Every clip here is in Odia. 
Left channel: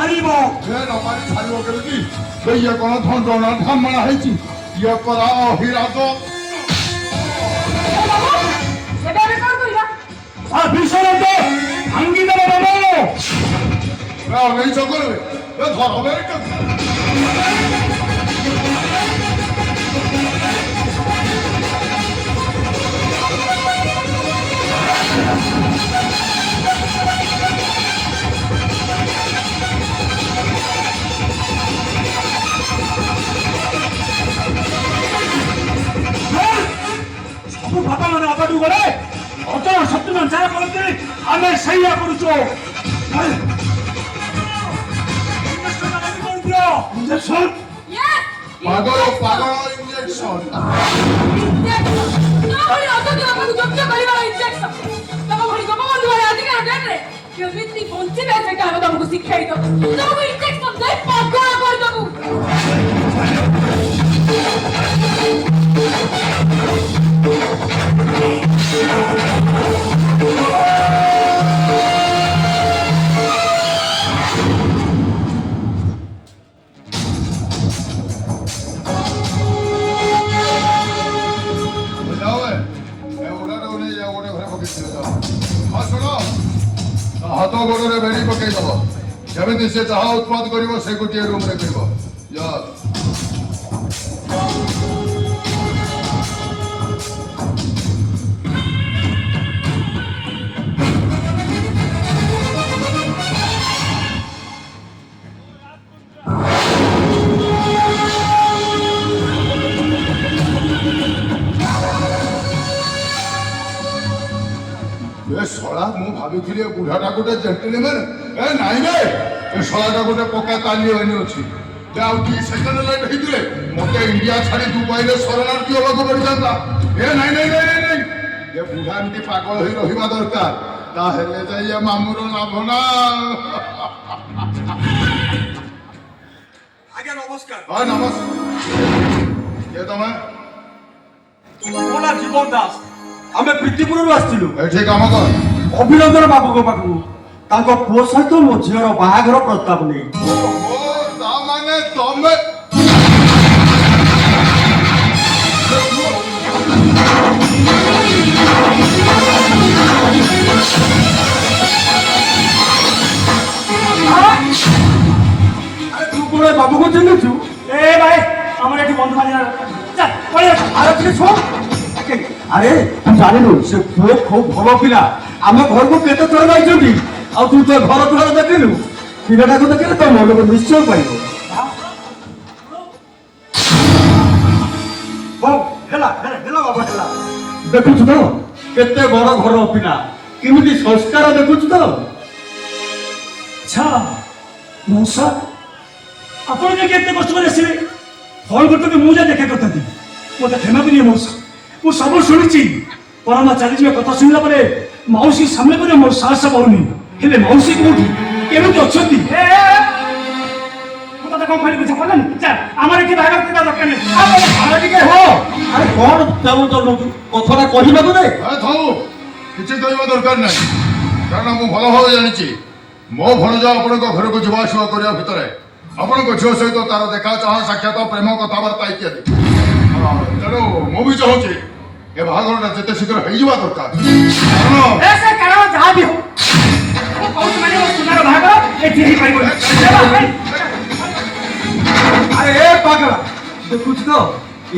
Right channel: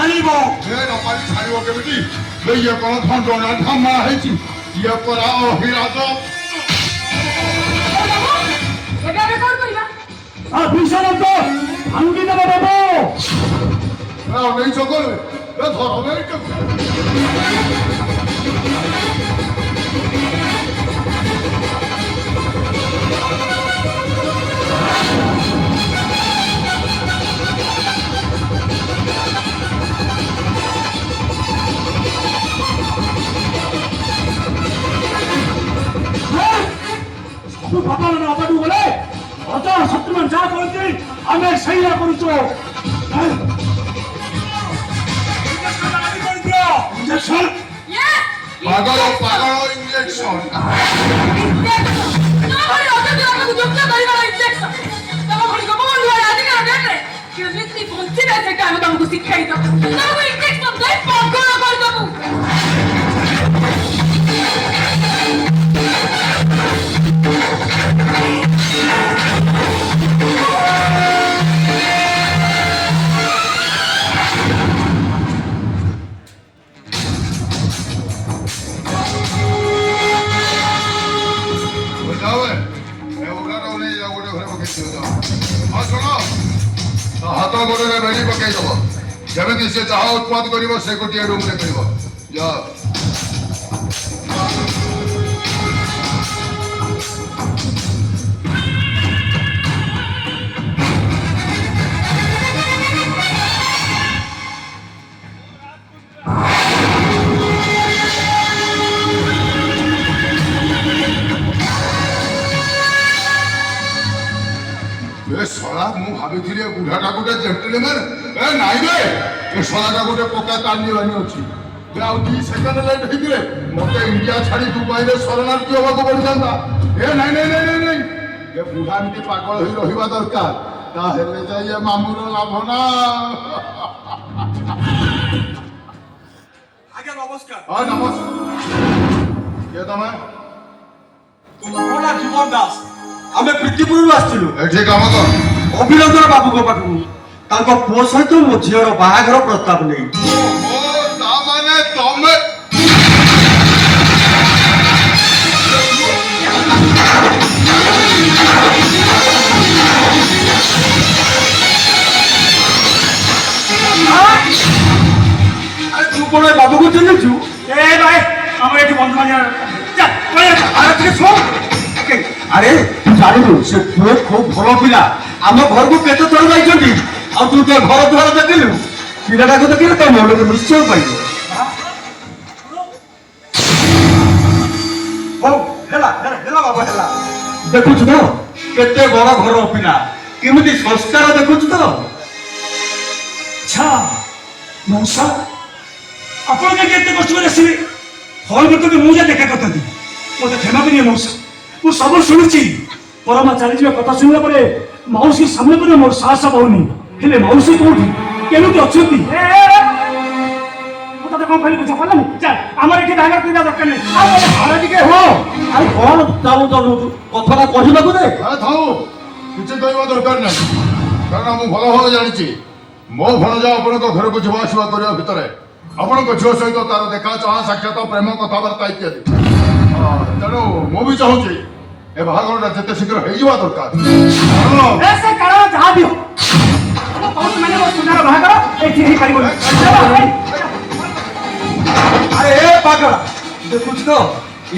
ମାରିବ ନ ମାରି ଛାଡ଼ିବ କେମିତି ଇଏ କ'ଣ ଧଣ୍ଡଣା ଧମଣା ହେଇଛି ଇଏ ପରା ଅହିରାଜ ଭୀଷଣ ଭାଙ୍ଗିଦେବ ବାବୁ ନେଇ ଚକରେ ସବୁ ଫଟା ମାନେ ଅପାଠୁ ଗଲେ ଅଜୟ ଶତ୍ରୁଘ୍ନ ଯାହା କରନ୍ତି ଆମେ ସେଇଆ କରୁଛୁ ଇଞ୍ଜେକ୍ସନ ପାଗଳ ପାଗଳ ଇଞ୍ଜେକ୍ସନ କେମିତି ବଞ୍ଚିବେ ସେଟା ଆମେ ତମକୁ ଶିଖେଇ ଦବୁ ତମକୁ ଇଞ୍ଜେକ୍ସନ ଦେଇ ପାଗଳ କରିଦବୁ ହାତ ଗୋଡ଼ରେ ବେଡ଼ି ପକେଇଦବ ଯେମିତି ସେ ଯାହା ଉତ୍ପାଦ କରିବ ସେ ଗୋଟିଏ ରୁମ୍ରେ କରିବ ଯା ଶଳା ମୁଁ ଭାବିଥିଲି ବୁଢ଼ାଟା ଗୋଟେ ଜେଣ୍ଟଲମ୍ୟାନ୍ ନାଇଁ ବେ ଏ ଶଳାଟା ଗୋଟେ ପକ୍କା ତାଲିବାନୀ ଅଛି ଆଉ 2 ସେକେଣ୍ଡ ଲେଟ୍ ହେଇଥିଲେ ମତେ ଇଣ୍ଡିଆ ଛାଡ଼ି ଦୁବାଇରେ ଶରଣାର୍ଥୀ ହେବାକୁ ପଡ଼ିଥାନ୍ତା ନାଇଁ ନାଇଁ ନାଇଁ ନାଇଁ ଏ ବୁଢ଼ା ଏମିତି ପାଗଳ ହେଇ ରହିବା ଦରକାର ତାହେଲେ ଯାଇ ଏ ମାମୁର ଲାଭ ନା ଆଜ୍ଞା ନମସ୍କାର ହଁ ନମସ୍କାର କିଏ ତମେ ମୋ ନାଁ ଜୀବନ ଦାସ ଆମେ ପ୍ରୀତିପୁରରୁ ଆସିଥିଲୁ ଏଠି କାମ କର ଅଭିନନ୍ଦନ ବାବୁଙ୍କ ପାଖକୁ ତାଙ୍କ ପୁଅ ସହିତ ମୋ ଝିଅର ବାହାଘର ପ୍ରସ୍ତାବ ନେଇ ତାମାନେ ତମେ ତୁ କଣ ବାବୁକୁ ଚିହ୍ନିଛୁ ଏ ଭାଇ ଆମର ଏଠି ବନ୍ଧ ଆରେ ଶୁଣ ଆରେ ଜାଣିଲୁ ସେ ପୁଅ ଖୁବ୍ ଭଲ ପିଲା ଆମ ଘରକୁ କେତେ ଥର ଯାଇଛନ୍ତି ଆଉ ତୁ ତ ଘର ଦ୍ୱାର ଦେଖିଲୁ ପିଲାଟାକୁ ଦେଖିଲେ ତ ମନକୁ ନିଶ୍ଚୟ ପାଇବ ହଉ ହେଲା ହେଲା ବାବା ହେଲା ଦେଖୁଛୁ ତ କେତେ ବଡ ଘର ପିଲା କେମିତି ସଂସ୍କାର ଦେଖୁଛୁ ତ ଆଚ୍ଛା ମଉସା ଆପଣ କାହିଁକି ଏତେ କଷ୍ଟ କରି ଆସିବେ ଫଳ ବର୍ତ୍ତମାନ ମୁଁ ଯା ଦେଖା କରିଥାନ୍ତି ମୋତେ କ୍ଷମା କରିବେ ମଉସା ମୁଁ ସବୁ ଶୁଣିଛି ପରମା ଚାଲିଯିବା କଥା ଶୁଣିଲା ପରେ ମାଉସୀ ସାମ୍ନା করে ମୋର ସାହସ ପାଉନି ହେଲେ ମାଉସୀ କୋଉଠି କେମିତି ଅଛନ୍ତି ମୁଁ ତତେ କଣ କହିଲି ବୁଝା ପଡ଼ିଲାନି ଚାଲ ଆମର ଏଠି ବାହାଘର କରିବା ଦରକାର ନାହିଁ ଟିକେ ହଁ ଆରେ କଣ ଚାହୁଁଛୁ କଥାଟା କହିବାକୁ ଦେ ଥାଉ କିଛି କହିବା ଦରକାର ନାହିଁ କାରଣ ମୁଁ ଭଲ ଭାବେ ଜାଣିଛି ମୋ ଭଣଜା ଆପଣଙ୍କ ଘରକୁ ଯିବା ଆସିବା କରିବା ଭିତରେ ଆପଣଙ୍କ ଝିଅ ସହିତ ତାର ଦେଖା ଚାହା ସାକ୍ଷାତ ପ୍ରେମ କଥାବାର୍ତ୍ତା ଇତ୍ୟାଦି ତେଣୁ ମୁଁ ବି ଚାହୁଁଛି ଏ ବାହାଘରଟା ଯେତେ ଶୀଘ୍ର ହେଇଯିବା ଦରକାର ସେ କାରଣ ଯାହା ବି ସୁନାର ବାହାଘର ଏଠି ହେଇପାରିବନି ଆରେ ଏ ପାଗଳ ଦେଖୁଛୁ ତ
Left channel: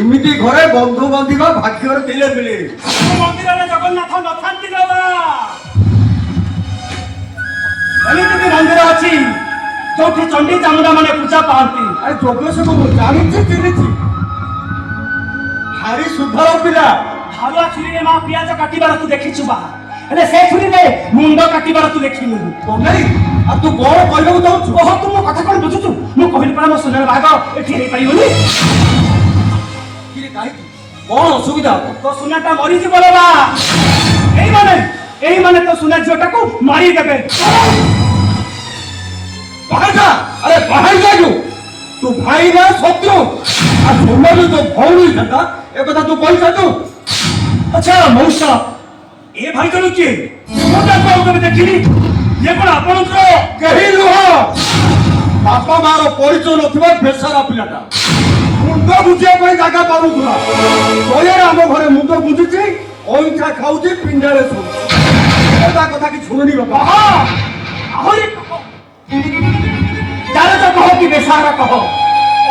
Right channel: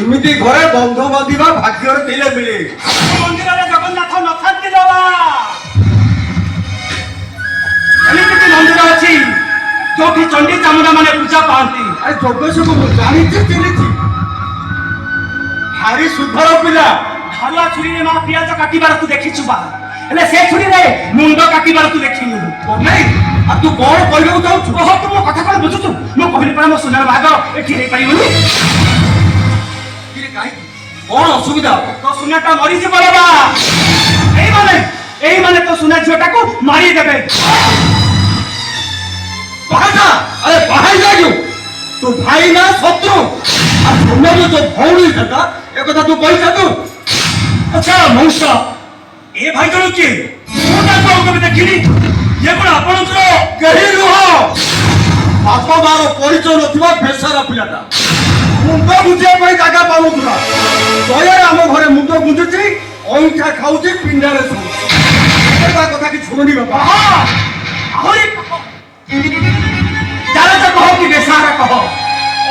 ଏମିତି ଘରେ ବନ୍ଧୁ ବାନ୍ଧିବା ଭାଗ୍ୟରେ ଥିଲେ ମିଳେ ମନ୍ଦିରରେ ଜଗନ୍ନାଥ ନଥାନ୍ତି ବାବା ଏମିତି ମନ୍ଦିର ଅଛି ଯୋଉଠି ଚଣ୍ଡୀ ଚାମୁଣ୍ଡା ମାନେ ପୂଜା ପାଆନ୍ତି ଆରେ ଯୋଗେଶ ମୁଁ ଜାଣିଛି ଚିହ୍ନିଛି ଭାରି ସୁଧର ପିଲା ଧାରୁଆ ଛୁରୀରେ ମା ପିଆଜ କାଟିବାର ତୁ ଦେଖିଛୁ ବା ହେଲେ ସେ ଛୁରୀରେ ମୁଣ୍ଡ କାଟିବାର ତୁ ଦେଖିନୁ ନାଇଁ ଆଉ ତୁ କଣ କହିବାକୁ ଚାହୁଁଛୁ ଓହୋ ତୁ ମୋ କଥା କଣ ବୁଝୁଛୁ ମୁଁ କହିଲି ପରା ମୋ ସୁନାର ବାହାଘର ଏଠି ହେଇପାରିବନି କାହିଁକି କଣ ଅସୁବିଧା ତୋ ସୁନାଟା ମରିଯିବ ବାବା ଏଇମାନେ ତୋ ସୁନା ଝିଅଟାକୁ ମାରିଦେବେ अरे बाहर जाओ तू भाई ना शत्रु और सुनो तो भौणी था एक कथा तू कहि तू अच्छा मौसा ए भाई जण के मोटा को कबे देखिनी ये कोन आपन को कहि रुह ବାପା ମାର ପରିଚୟ ନଥିବା ବେସାରା ପିଲାଟା ମୁଣ୍ଡ ବୁଝିବା ପାଇଁ ଜାଗା ପାଉନଥିଲା। ଦୟାରେ ଆମ ଘରେ ମୁଣ୍ଡ ବୁଝୁଛି, ଅଇଁଠା ଖାଉଛି, ପିଣ୍ଡାରେ ଶୋଉଛି। ତା କଥା କିଛି ଶୁଣୁନି ବାପା। ଆହୁରି ଜାଣତ କହ କି ବେସାରା କହ,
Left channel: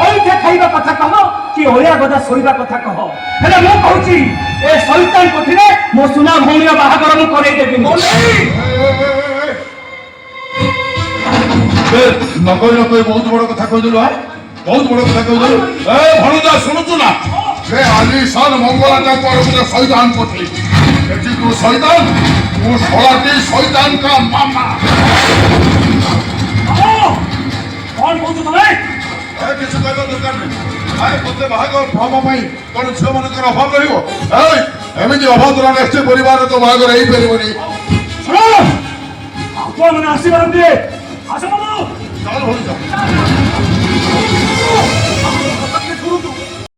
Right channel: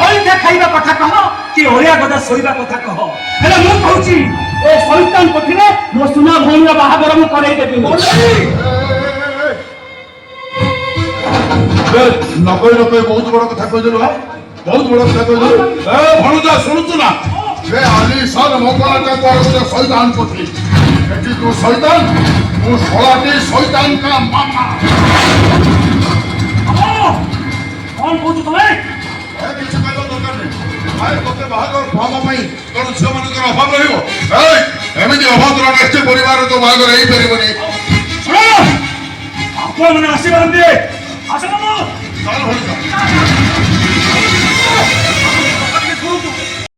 ଅଇଁଠା ଖାଇବା କଥା କହ କି ଅଳିଆ ଗଦା ଶୋଇବା କଥା କହ, ହେଲେ ମୁଁ କହୁଛି ଏ ଶୈତାନ ପଠିରେ ମୋ ସୁନା ଭଉଣୀର ବାହାଘର ମୁଁ କରେଇ ଦେବିନି। ନକଇ ନକଇ ବହୁତ ବଡ କଥା କହିଦେଲୁ। ବହୁତ ବଡ କଥା କହିଦେଲୁ। ଭଣଜା ଶୁଣୁଛୁ ନା, ସେ ଆଲିଶାନ ମଙ୍ଗଳାଟା କୁଆଡେ ଗୋଟେ ଶୈତାନ ପଠେଇ ଏଠି ତୁ ଶୈତାନ, ତୁ ଶଳାଟି ଶୈତାନ କା ମାମା। କଣ କହୁଛୁ ତମେ? କିଛି କହିବା ଦରକାର ନାହିଁ। ଆରେ ତୋତେ ବାହାଘର ହବା ପାଇଁ କଣ ଝିଅ ମାନଙ୍କର ଅଭାବ ରହିବ? ଏମିତି ଅଭଦ୍ର ନିଶ୍ଚୟ ପରିବାର ତ ବାହାଘର ହେଇପାରିବନି। ଶୁଣ, ଆପଣମାନେ ଆସିବାର ଦିଏ। ଆସ ଚାଲ ଭଣଜା।